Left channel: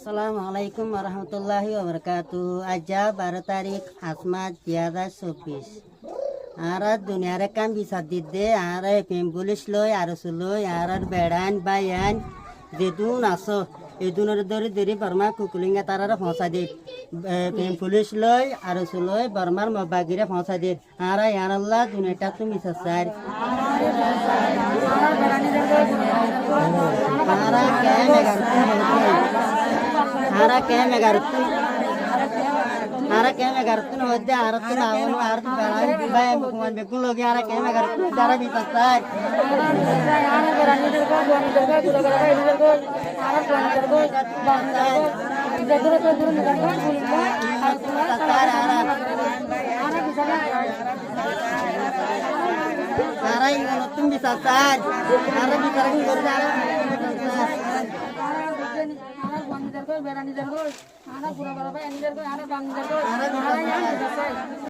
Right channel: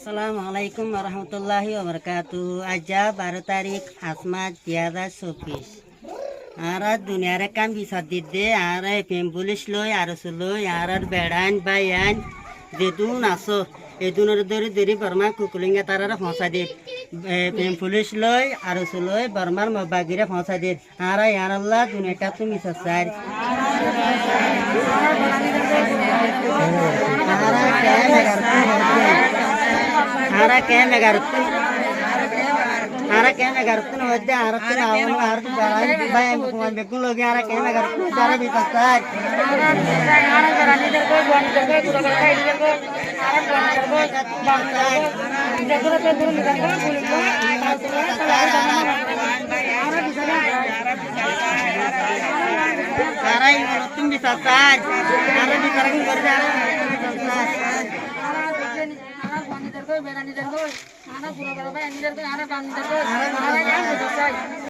Assalamualaikum warahmatullahi wabarakatuh. Aja 12 তারিখ 5 মাস 2024 আর দুনিয়ারে কাম bisa দিদে আর পেম police লই আর লই আর বেড়ান বাইয়ান যেদুন আসো এদুনের ধরে ধরে বর্মা কুকুলিঙ্গা তারারে পৌঁছা দে পেম পুলিশ লই আর লই বর্মার মবাগিরে পৌঁছা দে আর ইয়ার আল্লাহ দুনিয়াটা তুমি সাসার Ara kaya nagarutun wadde arutun awon arutun jalan bayan bukan bekun logi ara kaya nagarutun jara bisa saj ara jarani derko buan derko dura gara ini derko ara buan derko bangsa derko to duru nidarko bulko ara bisa ara ini bisa saj ara dikarang berjara bisa saj Anak buang di dergoy, anak pura-pura, ini dergoy, anak bang di dergoy, anak yang besar.